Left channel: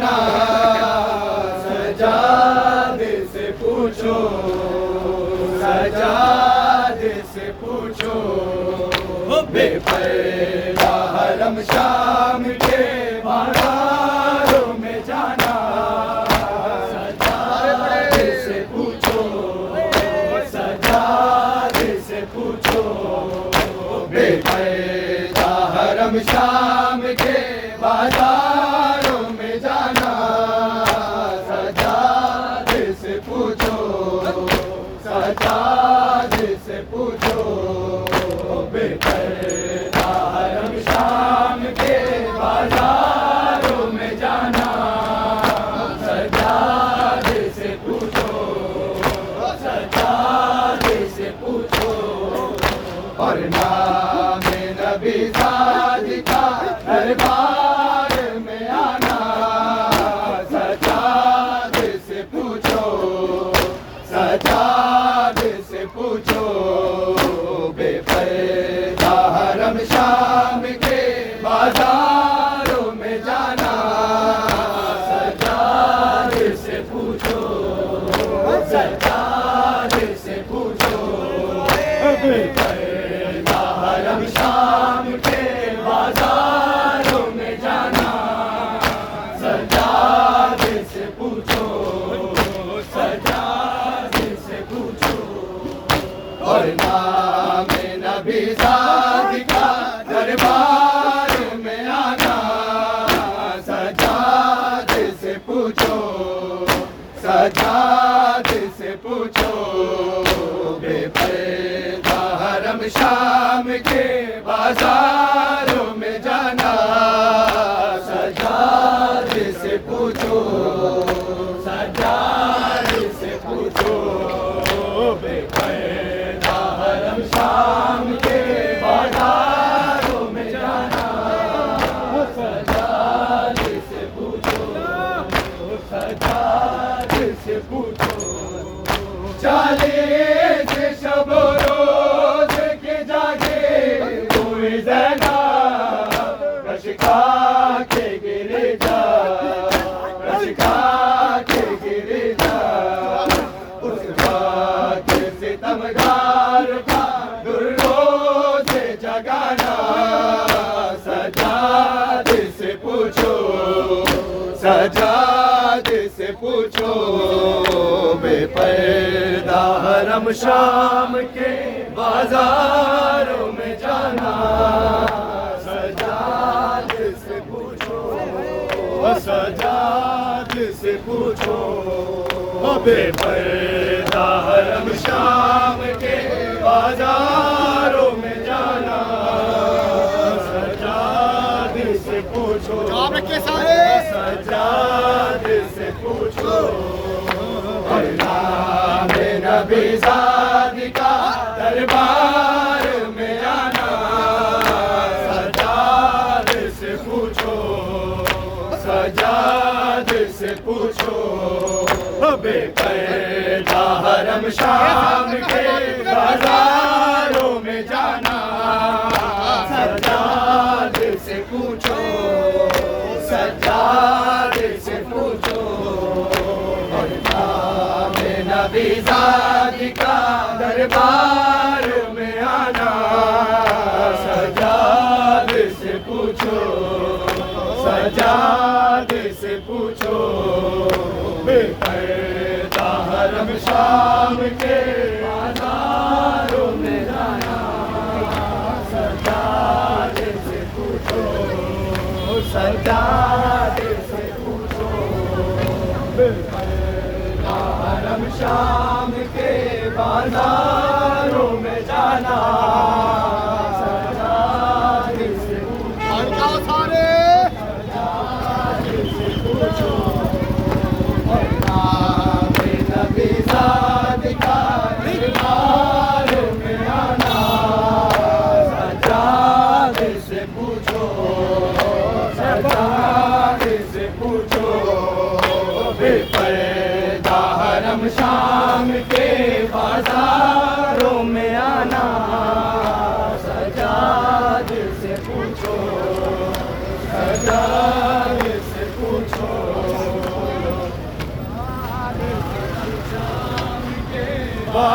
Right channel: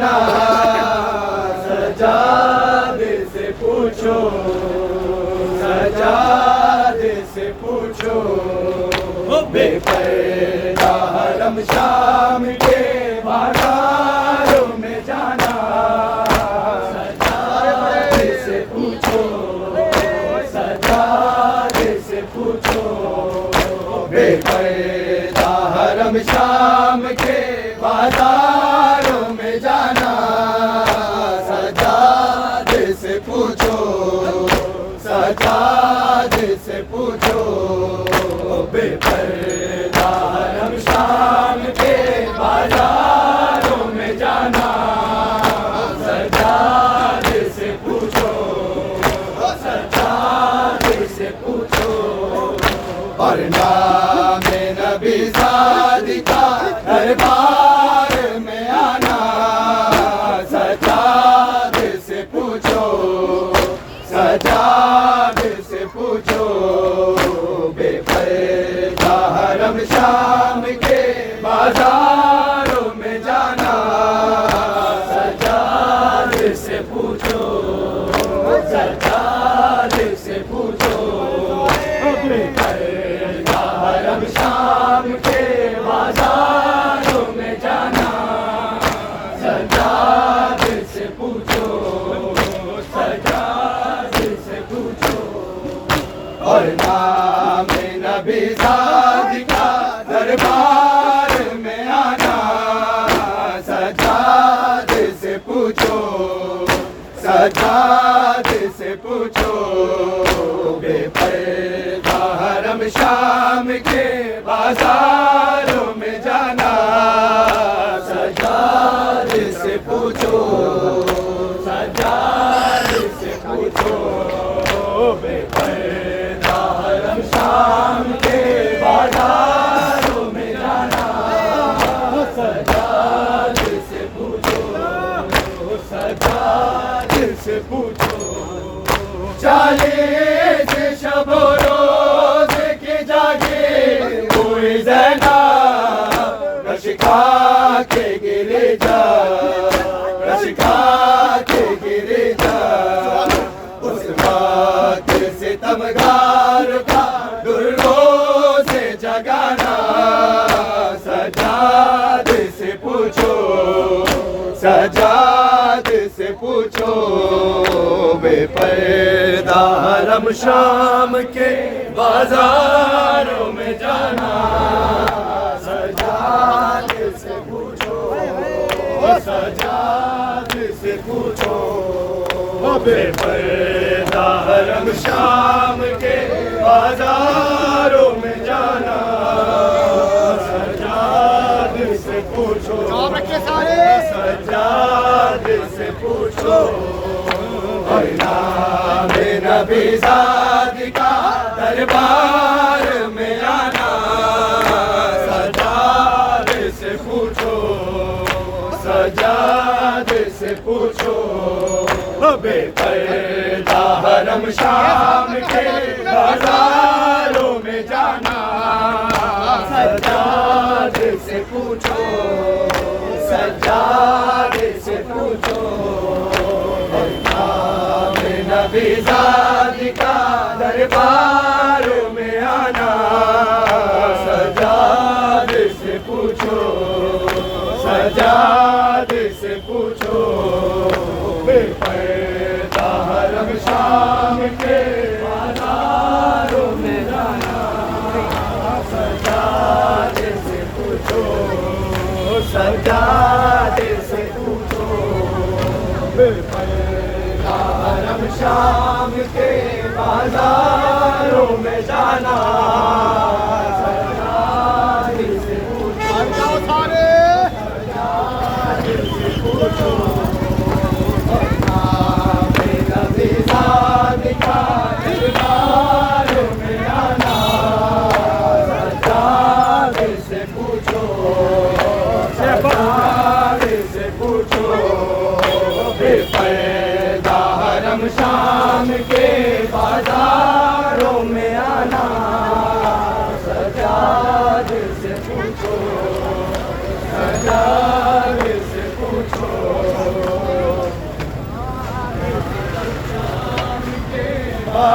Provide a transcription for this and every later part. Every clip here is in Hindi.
जाना, सजादे से पूछो, सजादे से पूछो, बेपर्दा हरम शाम के बाजारों में जाना, सजादे से पूछो, सजादे से पूछो, बेपर्दा हरम शाम के बाजारों में जाना, सजादे से पूछो, सजादे से पूछो, बेपर्दा हरम शाम के बाजारों में जाना, सजादे से पूछो, सजादे से पूछो, और नाम नबी सादिका दरबार में आना, सजादे से पूछो, सजादे से पूछो, बेपर्दा हरम शाम के बाजारों में जाना, सजादे से पूछो, सजादे से पूछो, बेपर्दा हरम शाम के बाजारों में जाना, सजादे से पूछो, सजादे से पूछो, और नाम नबी सादिका दरबार में आना, सजादे से पूछो, सजादे से पूछो, बेपर्दा हरम शाम के बाजारों में जाना, सजादे से पूछो, सजादे से पूछो, बेपर्दा हरम शाम के बाजारों में जाना, सजादे से पूछो, सजादे से पूछो, 40 शब रोज के जागे कोई ज़ैना, रशिका के गिरे जा, रशिका के गिरे जा, उस वक्त सितमगार का दुर्रो से जगाना, सजादे से पूछो, सजादे से पूछो, बेपर्दा हरम शाम के बाजारों में जाना, सजादे से पूछो, सजादे से पूछो, बेपर्दा हरम शाम के बाजारों में जाना, सजादे से पूछो, सजादे से पूछो, और नाम नबी सादिका दरबार में आना, सजादे से पूछो, सजादे से पूछो, बेपर्दा हरम शाम के बाजारों में जाना, सजादे से पूछो, सजादे से पूछो, नबी सादिका दरबार में आना, सजादे से पूछो, सजादे से पूछो, बेपर्दा हरम शाम के बाजारों में जाना, सजादे से पूछो, सजादे से पूछो, बेपर्दा हरम शाम के बाजारों में जाना, सजादे से पूछो, सजादे से पूछो, नबी सादिका दरबारों में आना, सजादे से पूछो, सजादे से पूछो, बेपर्दा हरम शाम के बाजारों में आना,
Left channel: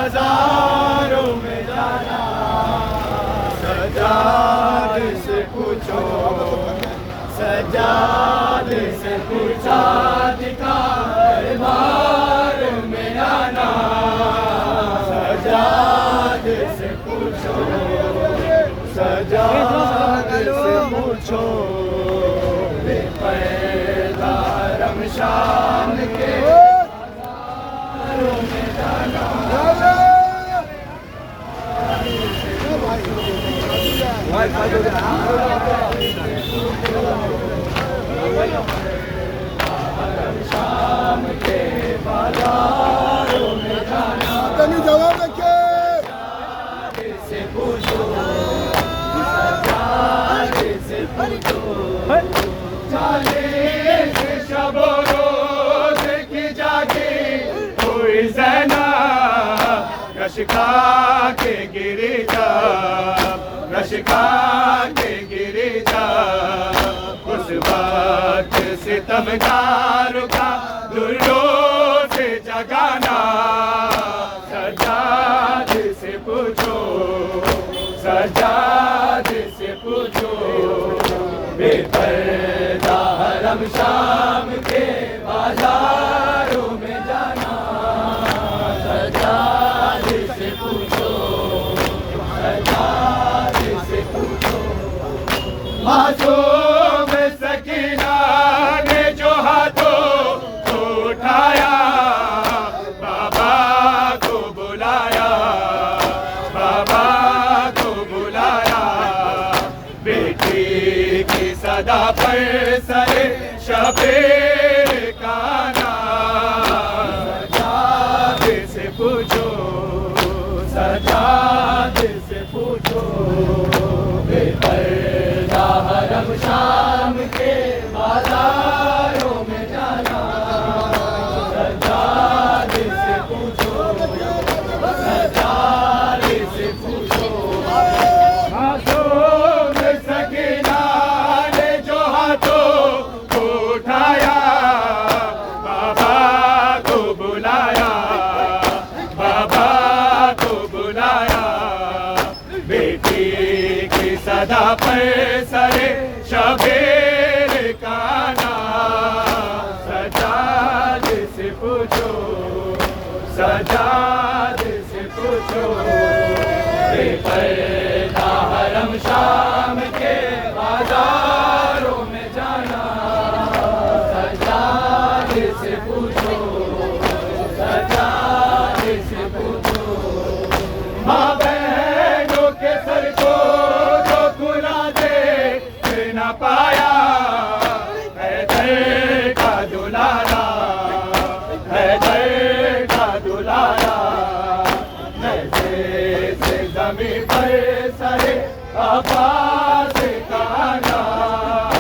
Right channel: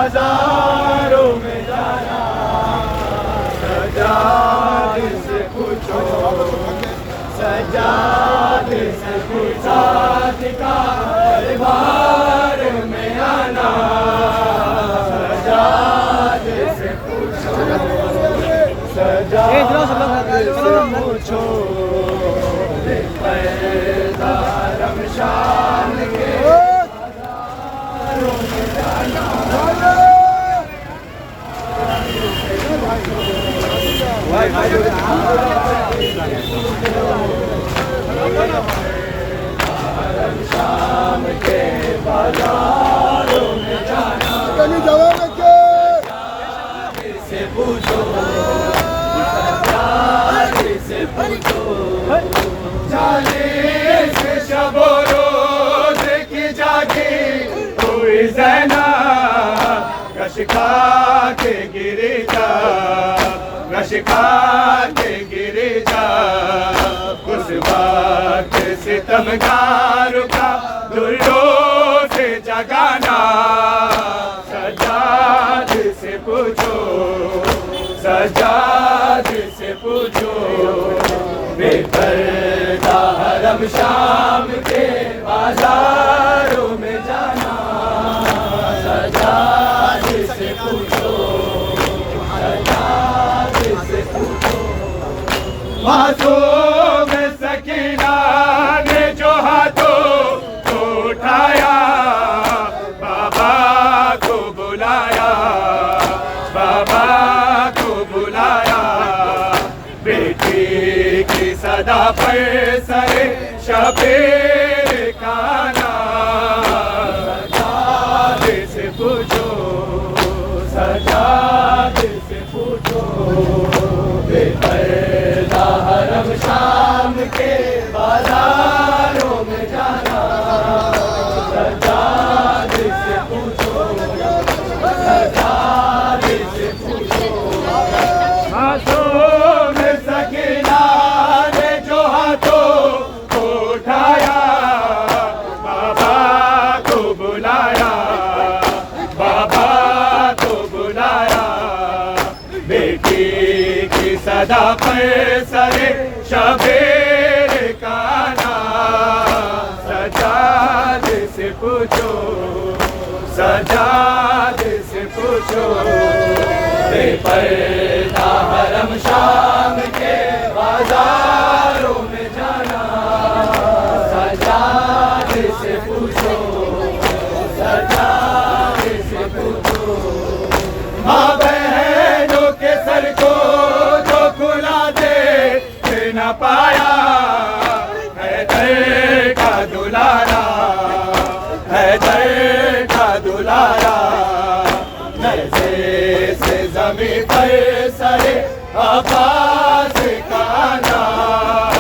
बाजारों में जाना, सजाद से पूछो, सजाद से पूछा का दरबार में आना, सजाद से पूछो, सजाद से पूछो, रमशान के बाजारों में जाना। शाम के बाजारों में जाना, से पूछो, से पूछो, 40 शबो रोज की जागी हुई ज़ैना, रश खा के गिरे जा, रश खा के गिरे जा, उस वक्त सितमगारों का दुर्रों से जगाना, सजाद से पूछो, सजाद से पूछो, बेपर्दा हरम शाम के बाजारों में जाना, सजाद से पूछो, सजाद से पूछो। हाथों में सकीना ने जो हाथों को उठाया, बाबा को बुलाया, बाबा को बुलाया, बेटी की सदा पर सरे शबीर का नाम, सजाद से पूछो, सजाद से पूछो, बेपर्दा हरम शाम के बाजारों में जाना, सजाद से पूछो, सजाद से पूछो। हाथों में सकीना ने जो हाथों को उठाया, बाबा को बुलाया, बाबा को बुलाया, बेटी की सदा पर सरे शबीर का नाम, सजाद से पूछो, सजाद से पूछो, बेपर्दा हरम शाम के बाजारों में जाना, सजाद से पूछो, सजाद से पूछो। माँ बहनों के सर को जो खुला दे न पाया, हैदर का दुलारा, हैदर का दुलारा, नज़े से ज़मीं पर सरे अब्बास का नाम,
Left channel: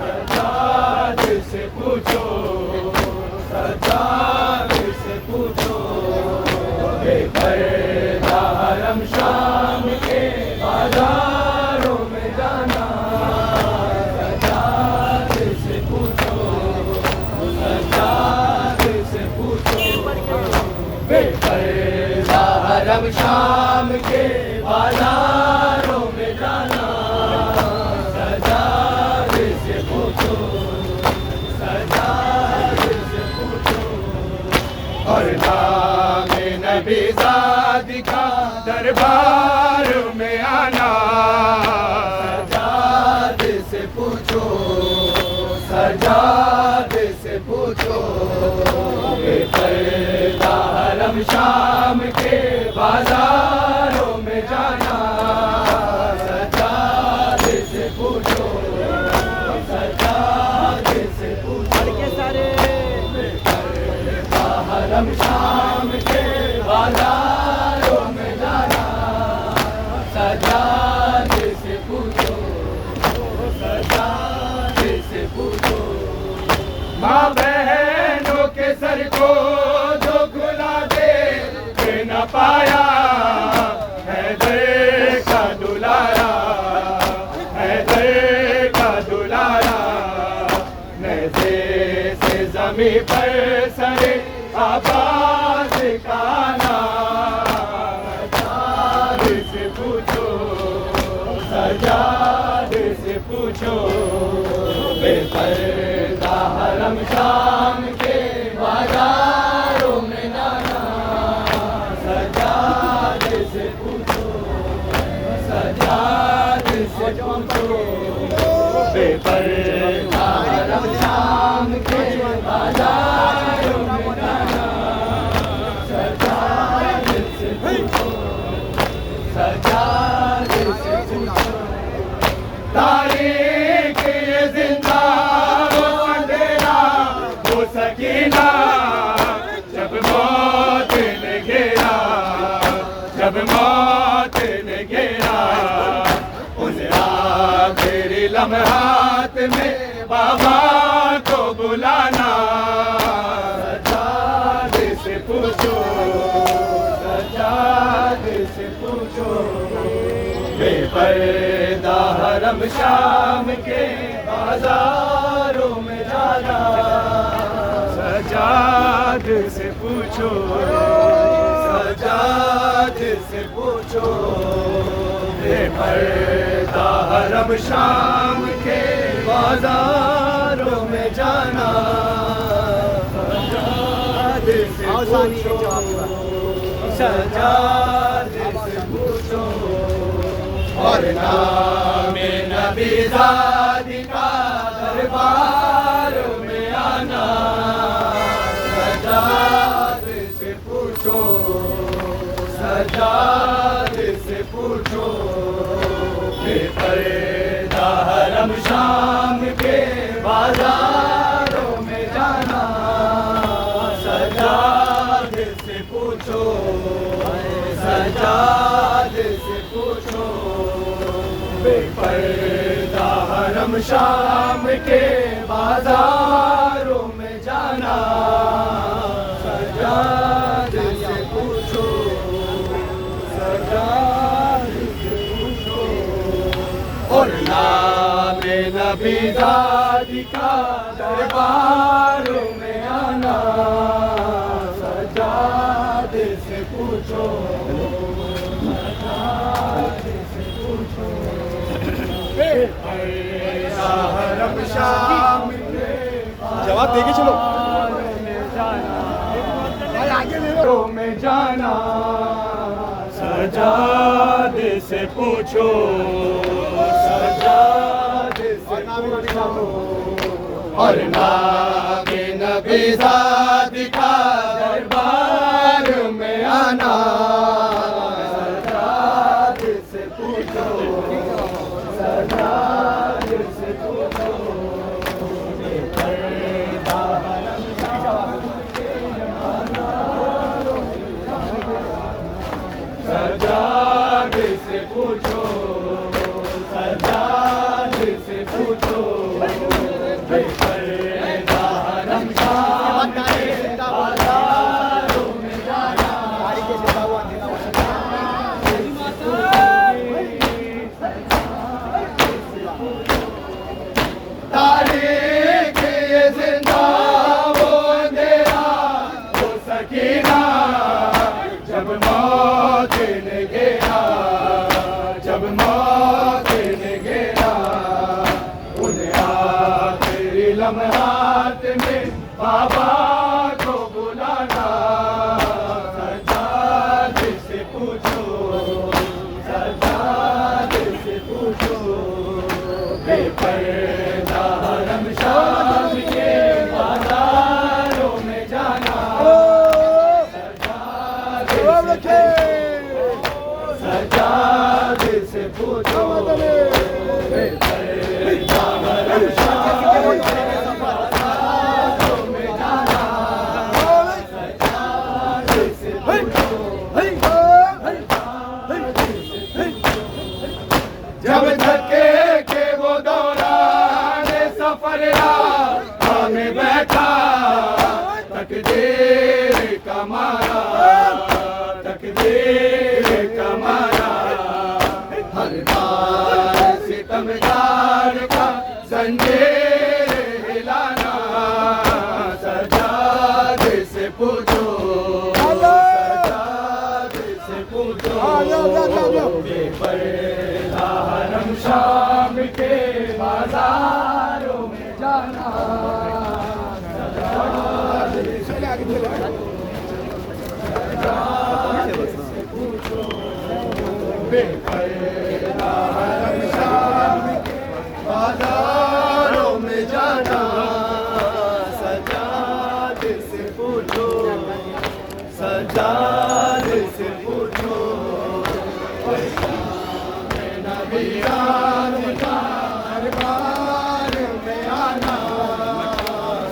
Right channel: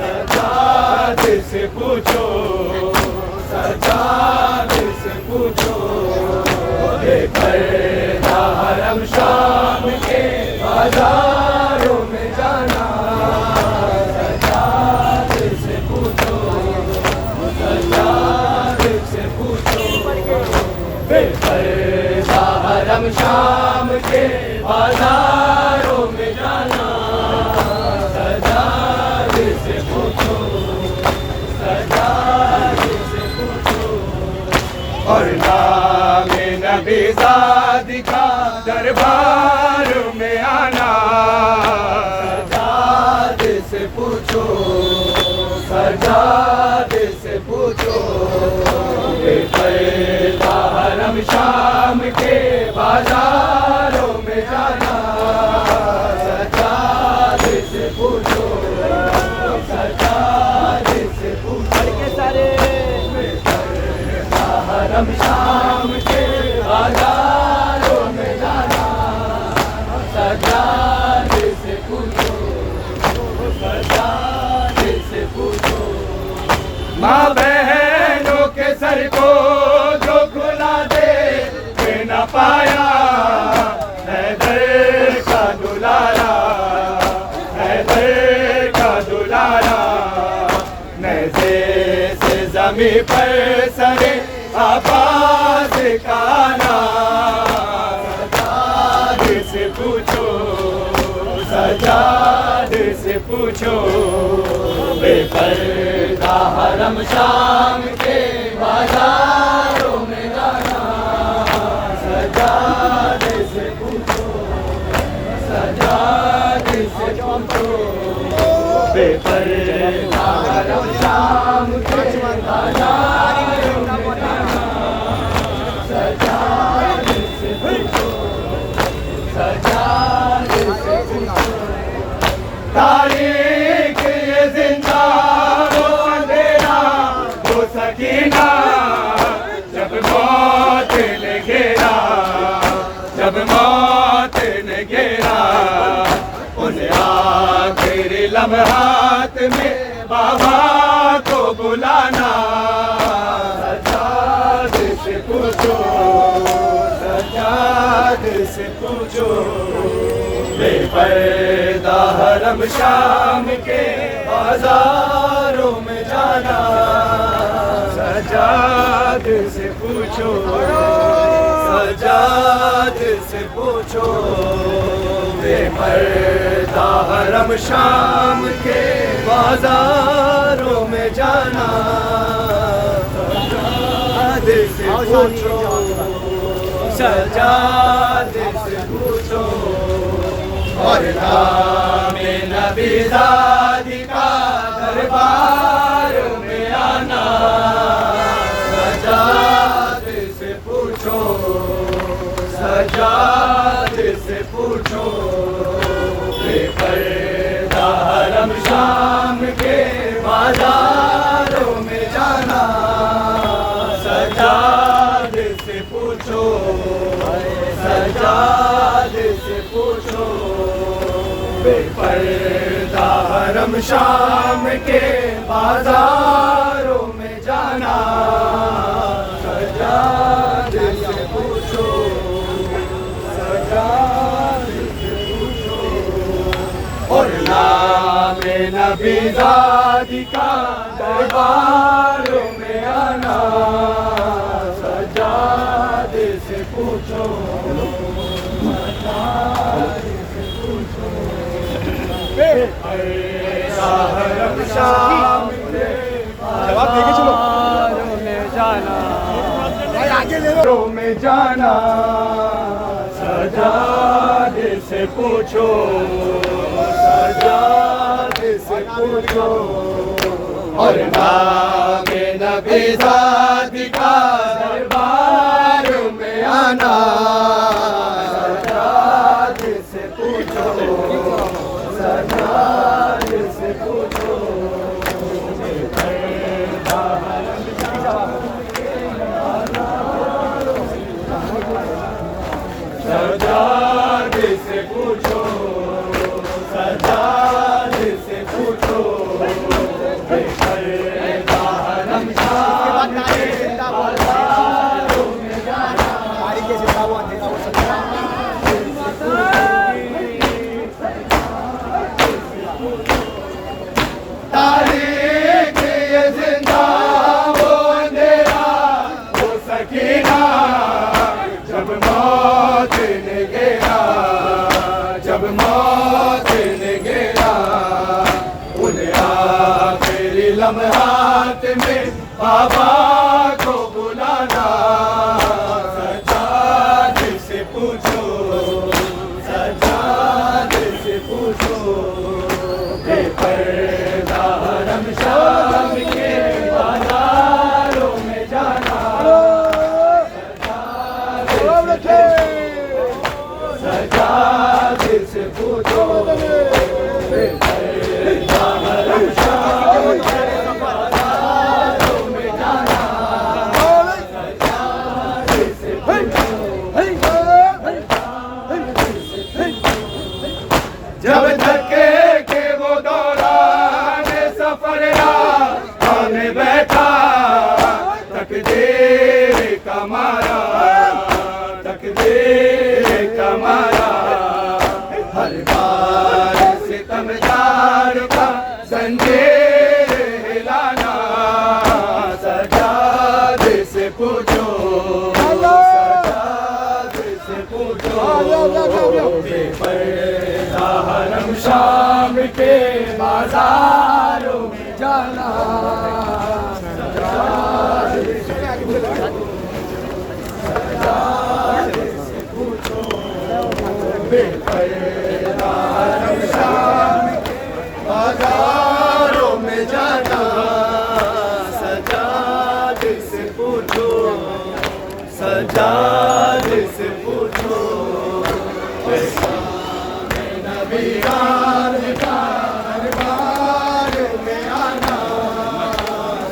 सजाद से पूछो, सजाद से पूछो, बेपर्दा हरम शाम के बाजारों में जाना, सजाद से पूछो, सजाद से पूछो, बेपर्दा हरम शाम के बाजारों में जाना, सजाद से पूछो, सजाद से पूछो। और नामे नबी ज़ादी का दरबार में आना, सजाद से पूछो, सजाद से पूछो, बेपर्दा हरम शाम के बाजारों में जाना, सजाद से पूछो, सजाद से पूछो, बेपर्दा हरम शाम के बाजारों में जाना, सजाद से पूछो, सजाद से पूछो। माँ बहनों के सर को जो खुला दे न पाया, से पूछो, सजाद से पूछो, बेपर्दा हरम शाम के बाजारों में जाना, सजाद से पूछो, सजाद से पूछो, बेपर्दा हरम शाम के बाजारों में जाना, सजाद से पूछो, सजाद से पूछो, तारीख ये जिंदा वो अंधेरा वो सकीना, जब मौत ने घेरा, जब मौत ने घेरा, उन आखिरी लम्हात में बाबा को बुलाना, सजाद से पूछो, सजाद से पूछो, बेपर्दा हरम शाम के बाजारों में जाना, सजाद से पूछो, सजाद से पूछो, बेपर्दा हरम शाम के बाजारों में जाना, सजाद से पूछो, सजाद से पूछो, और नामे नबी ज़ादी का दरबारों में आना, सजाद से पूछो, सजाद से पूछो, बेपर्दा हरम शाम के बाजारों में जाना, सजाद से पूछो, सजाद से पूछो, बेपर्दा हरम शाम के बाजारों में जाना, सजाद से पूछो, सजाद से पूछो, और नामे नबी ज़ादी का दरबारों में आना, सजाद से पूछो, सजाद से पूछो, बेपर्दा हरम शाम के बाजारों में जाना, में जाना, सजाद से पूछो, सजाद से पूछो, और नामे नबी ज़ादी का दरबार में आना, सजाद से पूछो, सजाद से पूछो, बेपर्दा हरम शाम के बाजारों में जाना, सजाद से पूछो, सजाद से पूछो, बेपर्दा हरम शाम के बाजारों में जाना, तारीख ये जिंदा वो अंधेरा वो सकीना, जब मौत ने घेरा, जब मौत ने घेरा, उन आखिरी लम्हात में बाबा को बुलाना, सजाद से पूछो, सजाद से पूछो, बेपर्दा हरम शाम के बाजारों में जाना, सजाद से पूछो, बेपर्दा हरम शाम के बाजारों में जाना, सजाद से पूछो, जब धक्के के वो दौरान सफर राह में बैठा, तकदीर का मारा, तकदीर का मारा, हर बार सितमगार का जंजीर हिलाना, सजाद से पूछो, सजाद से पूछो, बेपर्दा हरम शाम के बाजारों में जाना बेपर्दा हरम शाम के बाजारों में जाना सजाद से पूछो सजाद से पूछो नबीरान का दरबार में आना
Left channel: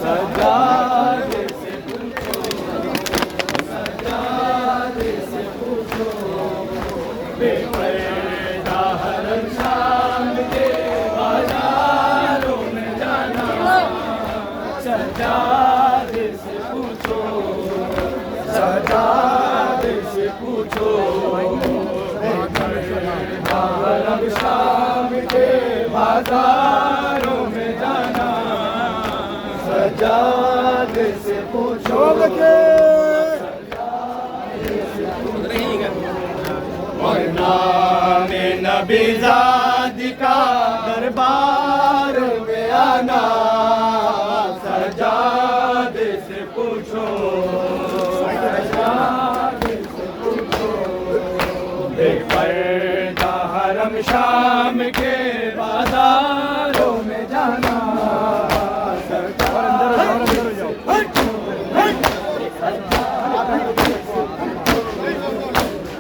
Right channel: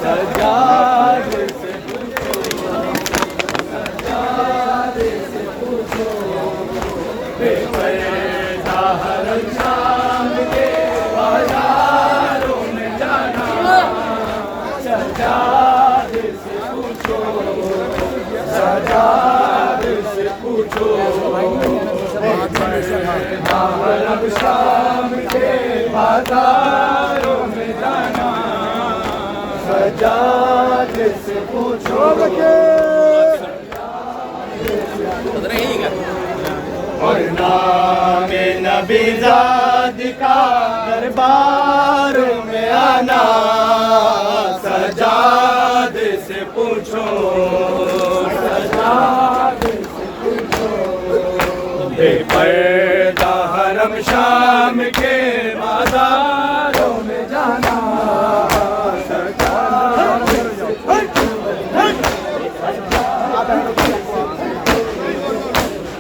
सजाद से पूछो सजाद से पूछो बेपर्दा हरम शाम के बाजारों में जाना सजाद से पूछो सजाद से पूछो बेपर्दा हरम शाम के बाजारों में जाना सजाद से पूछो और नाम नबीज़ाद का दरबार में आना सजाद से पूछो सजाद से पूछो बेपर्दा हरम शाम के बाजारों में जाना सजाद से पूछो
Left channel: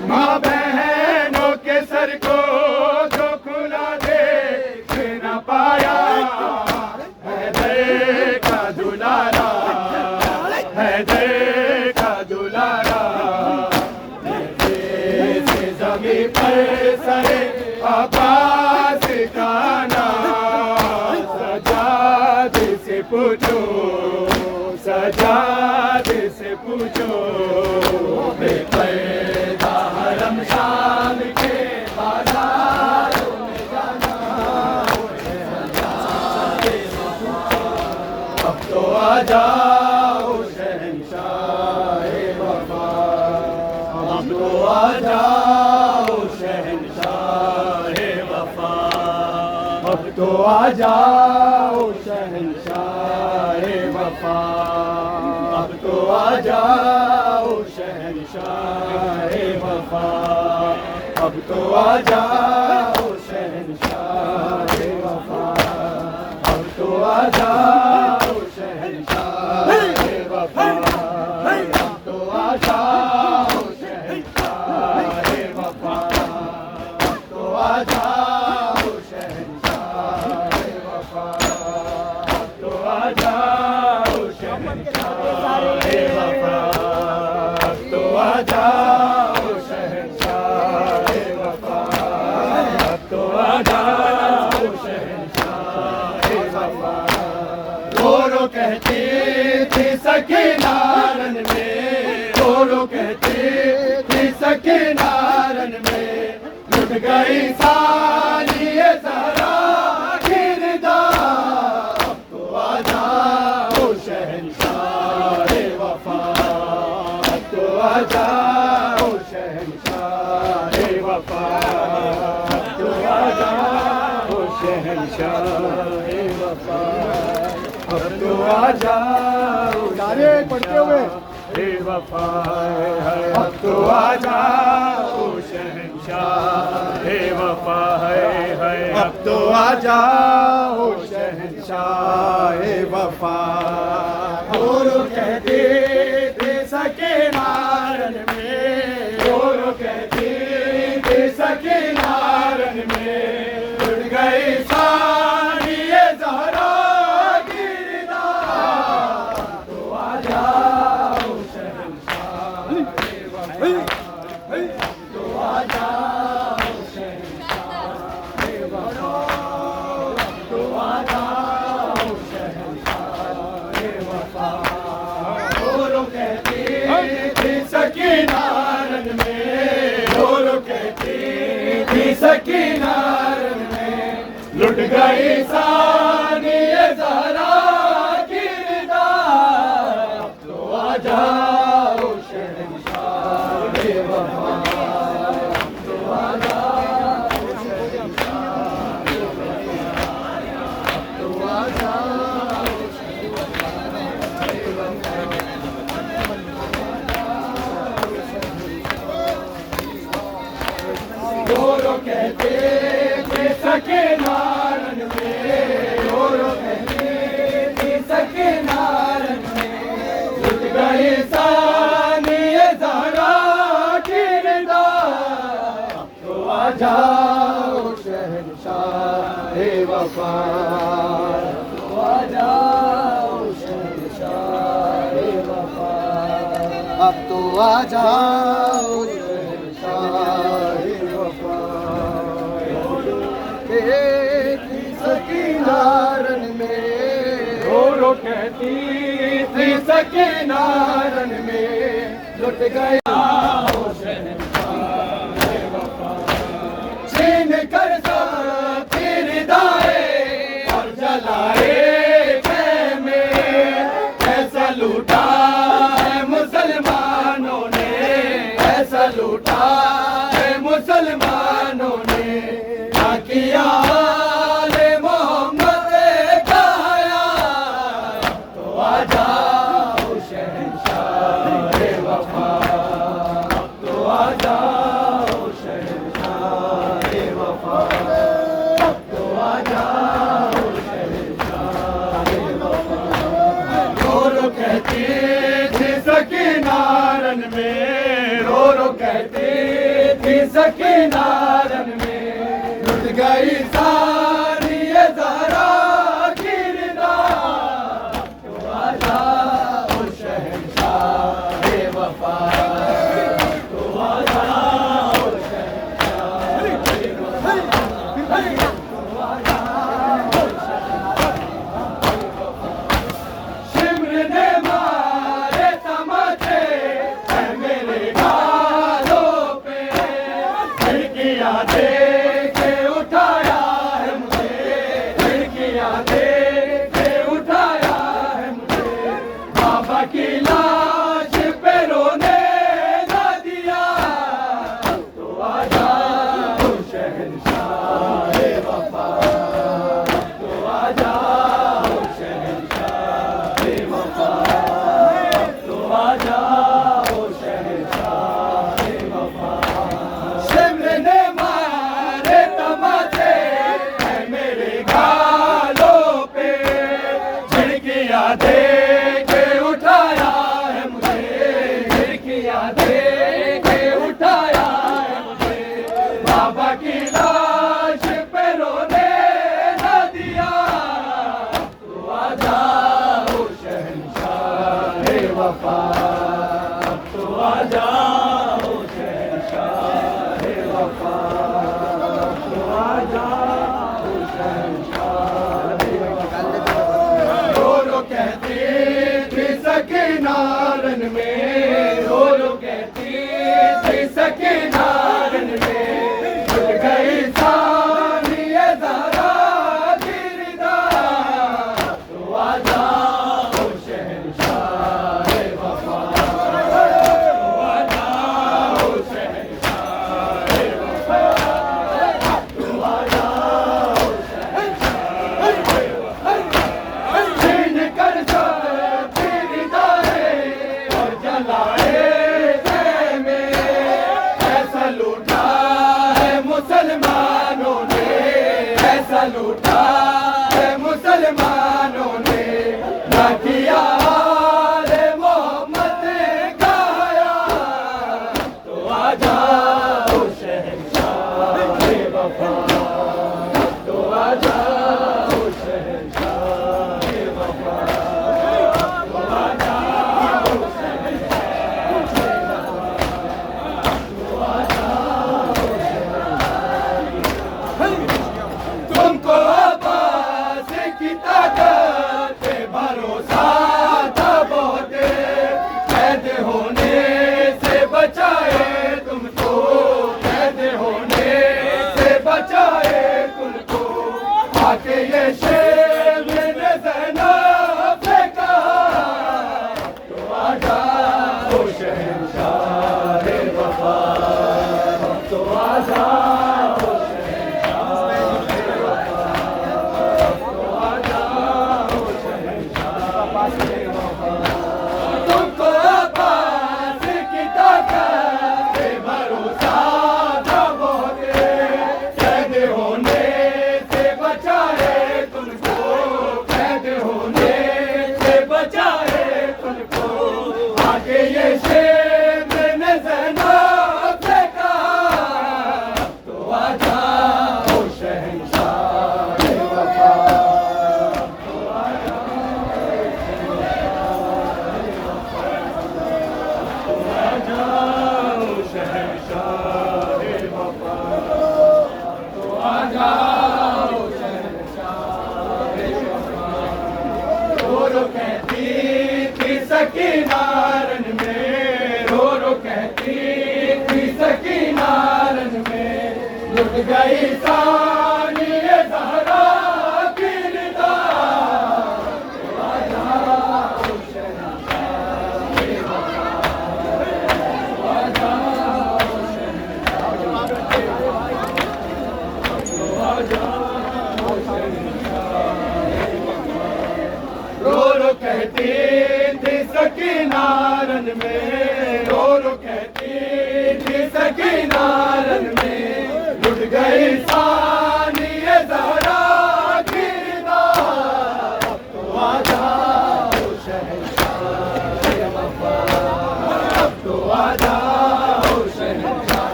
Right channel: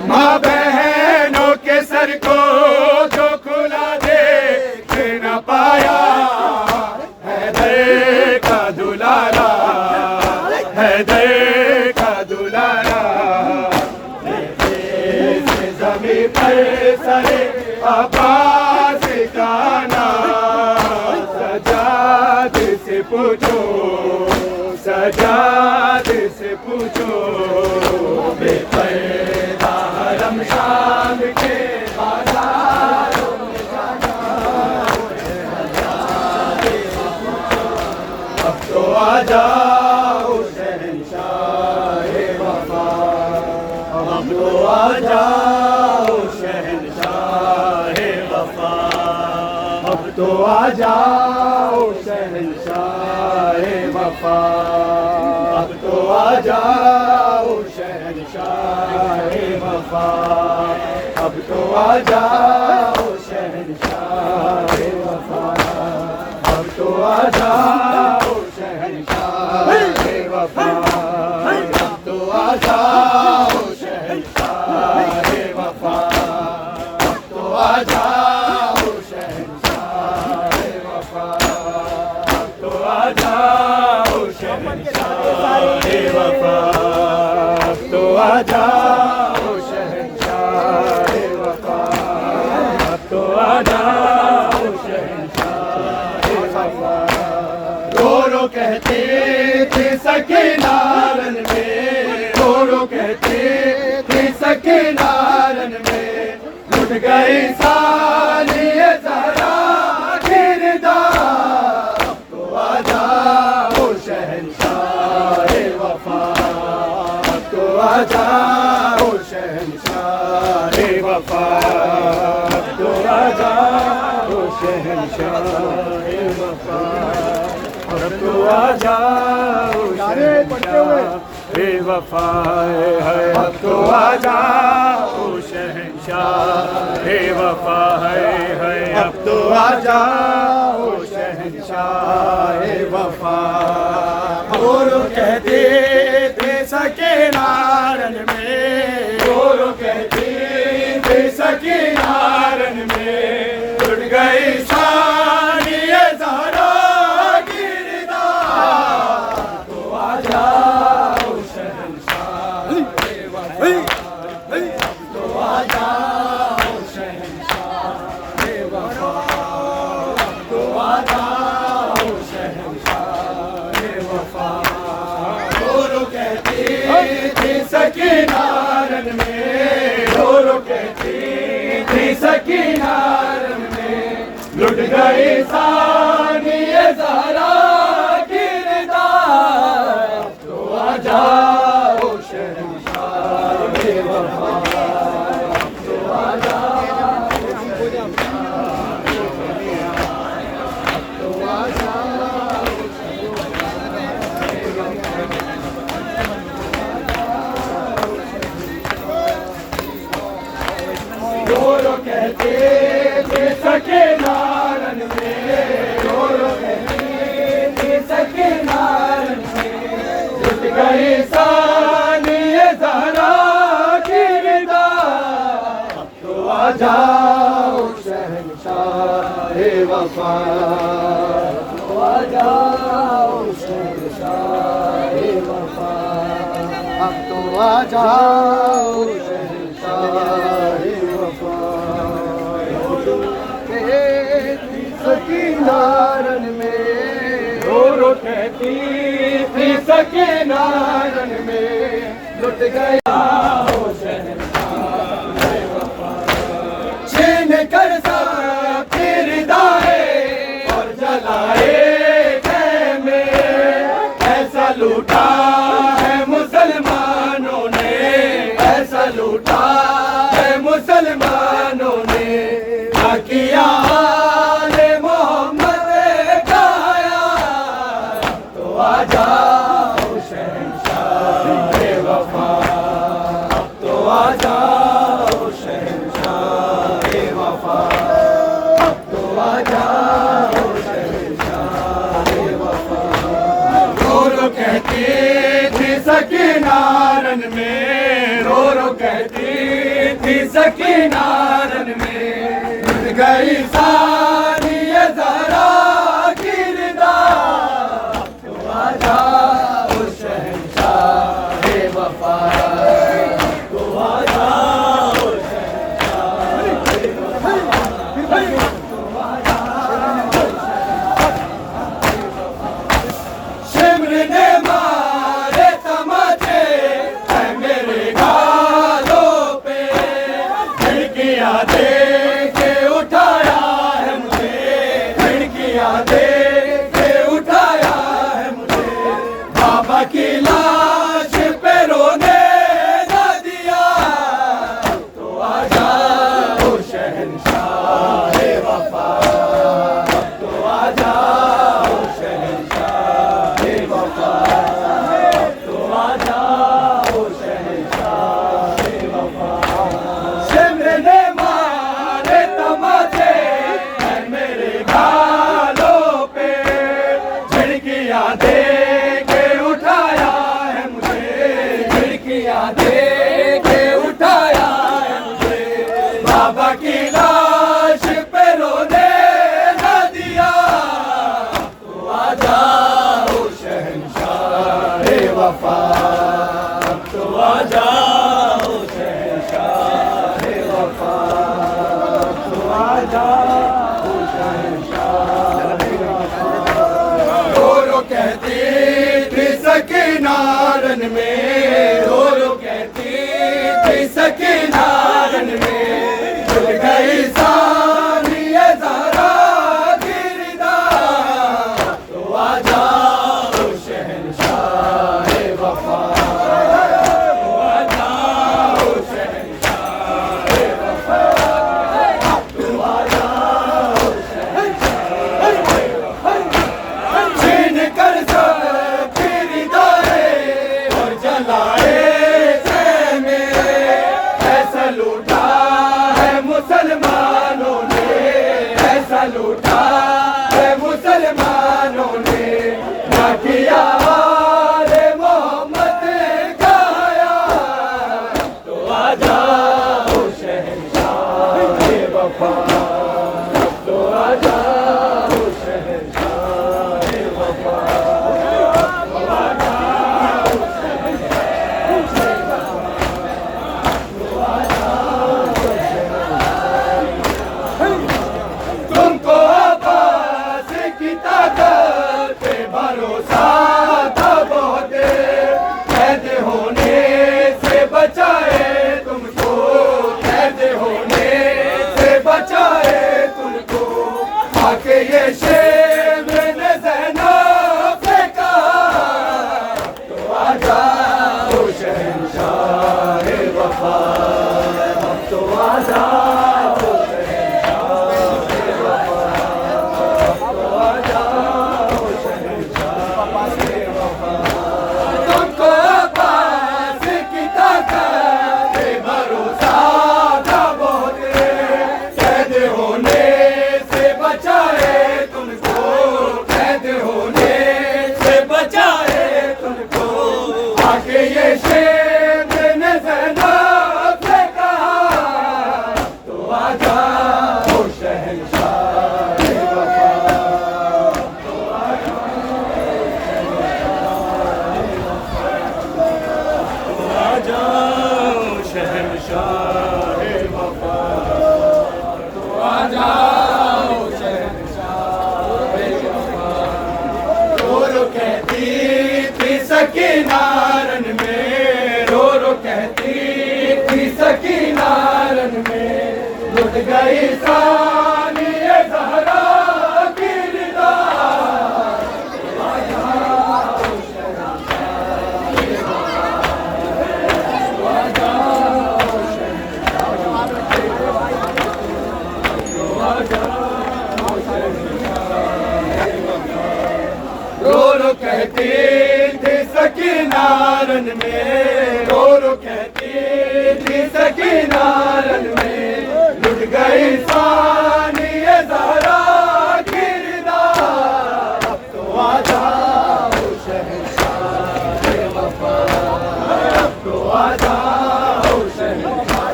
माँ बहनों के सर को जो खुला देख न पाया हैदर का दुलारा हैदर का दुलारा जमीन पर सरे आबाद का नाम सजाद से पूछो सजाद से पूछो बेपर्दा हरम शाम के बाजारों में जाना अब तो आ जाओ शहंशाह वफा अब तो आ जाओ शहंशाह वफा अब तो आ जाओ शहंशाह वफा अब तो आ जाओ शहंशाह वफा अब तो आ जाओ शहंशाह वफा अब तो आ जाओ शहंशाह वफा अब तो आ जाओ शहंशाह वफा अब तो आ जाओ शहंशाह वफा अब तो आ जाओ शहंशाह वफा अब तो आ जाओ शहंशाह वफा अब तो आ जाओ शहंशाह वफा गोरो कहते थे सकीनारन में गोरो कहते थे सकीनारन में लुट गई सारी ज़रा किरदार अब तो आ जाओ शहंशाह वफा अब तो आ जाओ शहंशाह वफा अब तो आ जाओ शहंशाह वफा अब तो आ जाओ वफा है अब तो आ जाओ शहंशाह वफा है अब तो आ जाओ शहंशाह वफा और कहते थे सकीनारन में और कहते थे सकीनारन में उड़ गई सारी ज़रा किरदार तो आ जाओ शहंशाह तो आ जाओ शहंशाह वफा तो आ जाओ शहंशाह वफा और कहते थे सकीनारन में और कहते थे सकीनारन में लुट गई सारी ज़रा किरदार तो आ जाओ शहंशाह वफा तो आ जाओ रो कहती थी सखी नारन में, रो कहती थी सखी नारन में, जुट गई सानिए ज़हरा की रिदा, अब तो आ जाओ शहंशाह वफा, तो आ जाओ शहंशाह वफा, अब तो आ जाओ शहंशाह वफा। कहती सखी नारन में, रो कहती थी सखी नारन में, लुट गया वो शहंशाह वफा, छीन कर साथी रिदाए और जलाए खेमे, ऐसा लूटा है मुसलमानों ने, ऐसा लूटा है मुसलमानों ने, क्या किया आले मोहम्मद का हया, तो आ जाओ शहंशाह वफा, तो आ जाओ शहंशाह वफा, तो आ जाओ शहंशाह वफा। रो कहती थी सखी नारन में, रो कहती थी सखी नारन में, लुट गई सानिए ज़हरा की रिदा, तो आ जाओ शहंशाह वफा, तो आ जाओ शहंशाह वफा, तो आ जाओ शिमर ने मारे तमाचे है मेरे गालों पे, खिड़कियां दे के उठाया है मुझे, खिड़कियां दे के उठाया है मुझे, बाबा की लाश पे रोने न दिया, तो आ जाओ शहंशाह वफा, तो आ जाओ शहंशाह वफा, तो आ जाओ शहंशाह वफा। शिमर ने मारे तमाचे है मेरे गालों पे, झिड़कियां दे के उठाया है मुझे, झिड़कियां दे के उठाया है मुझे, बाबा की लाश पे रोने न दिया, तो आ जाओ शहंशाह वफा, तो आ जाओ शहंशाह वफा, तो आ जाओ शहंशाह वफा। रो कहती थी सखी नारन में, रो कहती थी सखी नारन में, जुट गई सानिए ज़हरा की रिदा, तो आ जाओ शहंशाह वफा, तो आ जाओ शहंशाह वफा, तो आ जाओ शहंशाह वफा। छीन कर सबकी रिदाए और जलाए खेमे, ऐसा लूटा है मुसलमानों ने, ऐसा लूटा है मुसलमानों ने, ना किया आले मोहम्मद का हया, तो आ जाओ शहंशाह वफा, तो आ जाओ शहंशाह वफा, तो आ जाओ शहंशाह वफा, तो आ जाओ तुमको आवाज़ की ताकत पे भरोसा था बहुत, कैद होने से बचाए तुमको, कैद होने से बचाए तुमको, आके ये शेर ने ज़ैनब से कहा, तो आ जाओ शहंशाह वफा, तो आ जाओ तुमको पास की ताकत पे भरोसा था बहुत, लुट गई सानिए ज़हरा की निदा। रो रो कहती थी सकीना रन में, रो रो कहती थी सकीना रन में, लुट गई सानिए ज़हरा की निदा। अब तो आ जाओ शहंशाह वफा, अब तो आ जाओ शहंशाह,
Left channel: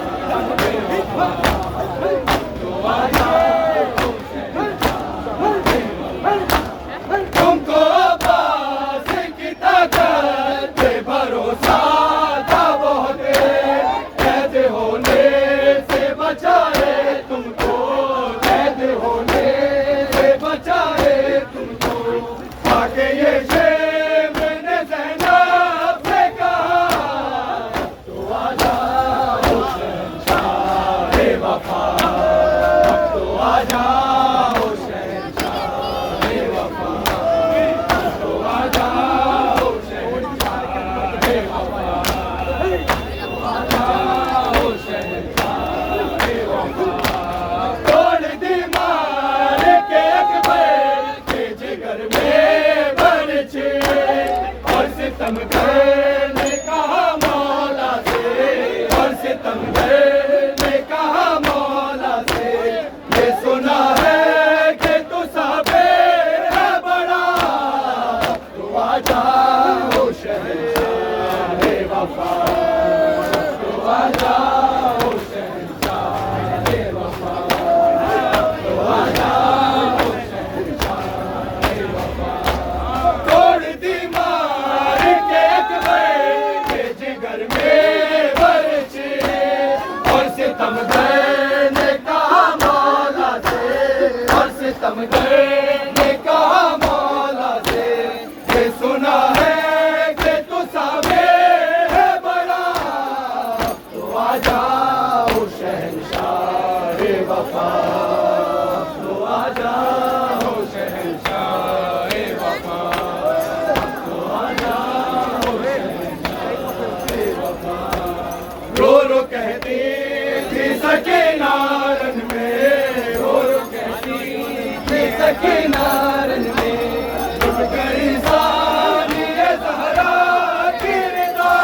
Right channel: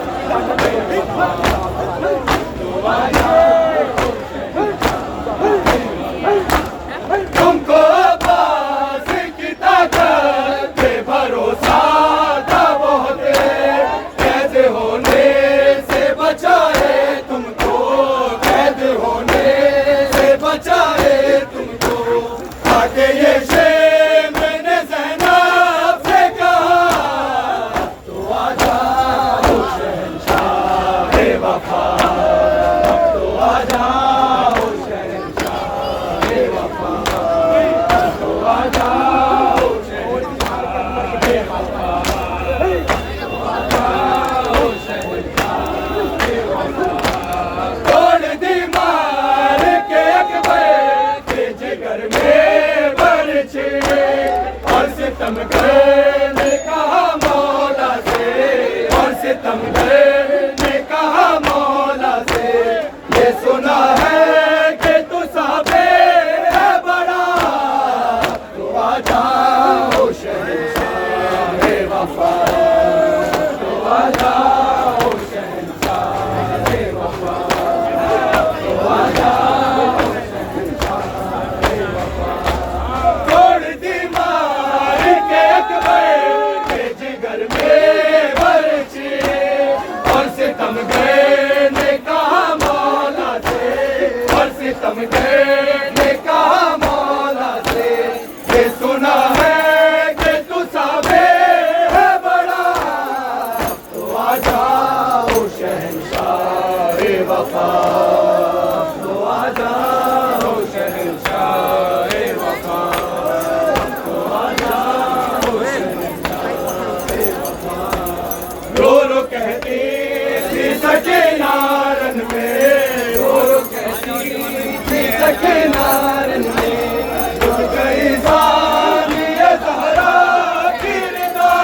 तो आ जाओ। तुमको पास की ताकत पे भरोसा था बहुत, कैद होने से बचाए तुमको, कैद होने से बचाए तुमको। आके ये शेर मैंने ज़ैनब से कहा, तो आ जाओ शहंशाह वफा, तो आ जाओ शहंशाह वफा, तो आ जाओ शहंशाह वफा, तो आ जाओ शहंशाह वफा। तोड़ दी मार के अकबर के जिगर में बरछे, और सितम करने कहा मौला से, और सितम करने कहा मौला से। ये सुना है कि तू साबे है बड़ा, तो आ जाओ शहंशाह वफा, तो आ जाओ शहंशाह वफा, तो आ जाओ शहंशाह वफा। तोड़ दी मार के अकबर के जिगर में बरछे, और सितम करने कहा मौला से, और सितम करने कहा मौला से। ये सुना है कि तू साबे है बड़ा, तो आ जाओ शहंशाह वफा, तो आ जाओ शहंशाह वफा, तो आ जाओ शहंशाह वफा। रो रो कहती थी सकीना रन में, रो रो कहती थी सकीना रन में, लुट गई सानिए ज़हरा की निदा।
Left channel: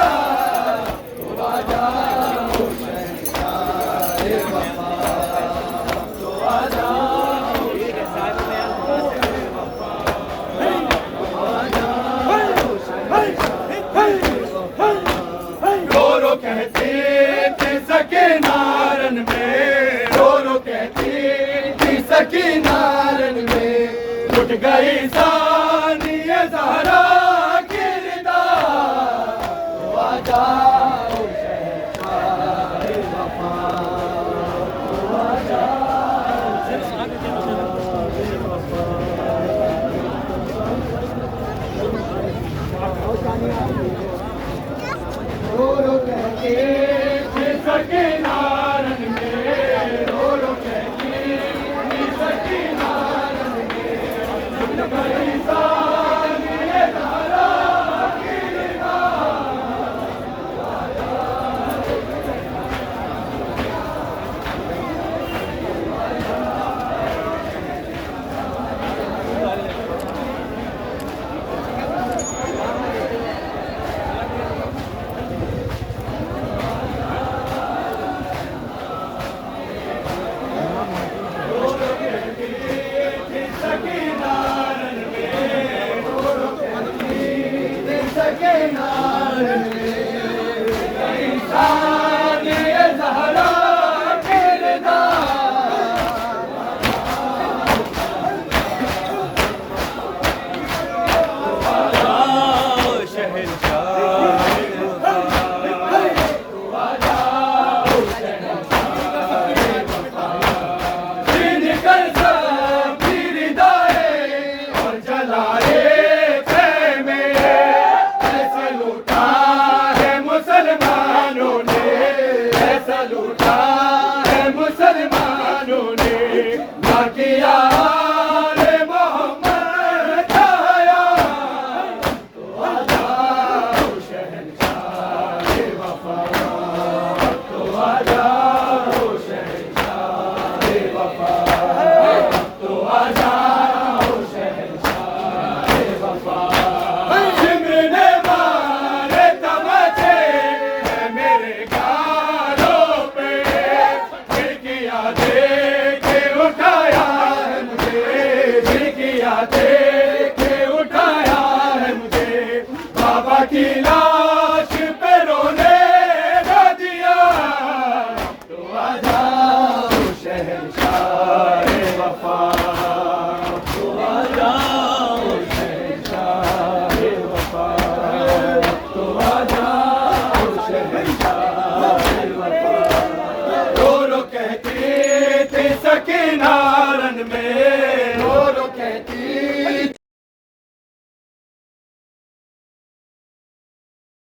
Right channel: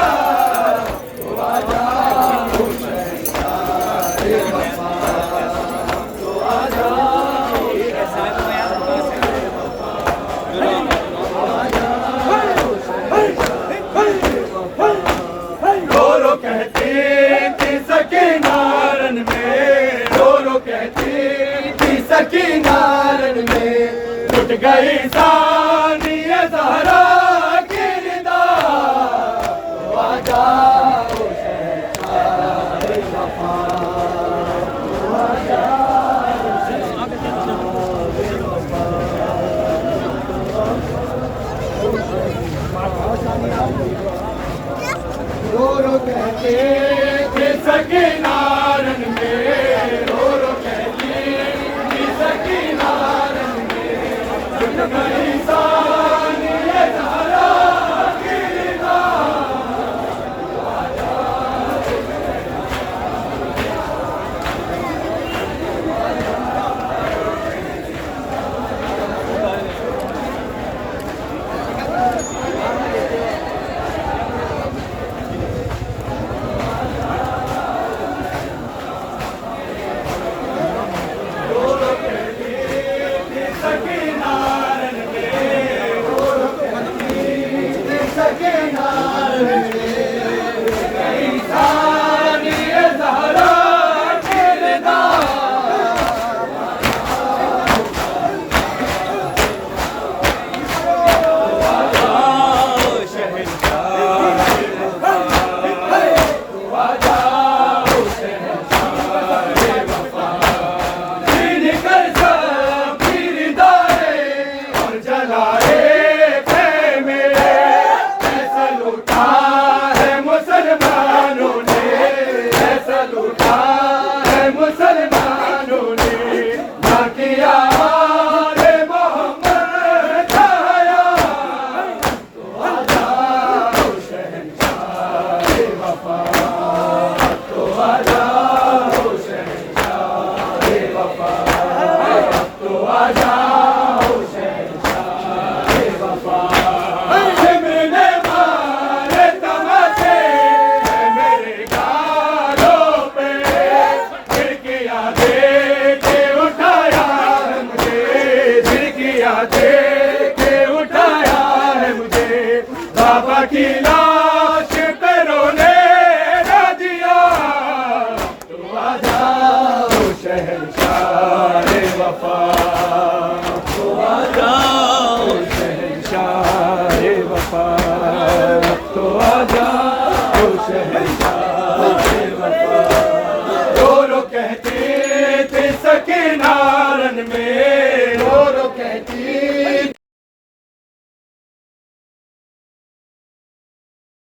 तो आ जाओ शहंशाह वफा, तो आ जाओ शहंशाह वफा, तो आ जाओ शहंशाह वफा। रो रो कहती थी सकीना रन में, रो रो कहती थी सकीना रन में, लुट गई सानिए ज़हरा की निदा। तो आ जाओ शहंशाह वफा, तो आ जाओ रो रो कहती थी सकीना रन में, रो रो कहती थी सकीना रन में, लुट गई सानिए ज़हरा की निदा। लूटा है मुसलमानों दे के उठाया है मुझे, झिड़किया दे के उठाया है मुझे। बाबा की लाश पे रोने न दिया, तो आ जाओ शहंशाह वफा, तो आ जाओ शहंशाह वफा, तो आ जाओ शहंशाह वफा। रो रो कहती थी सकीना रन में, रो रो कहती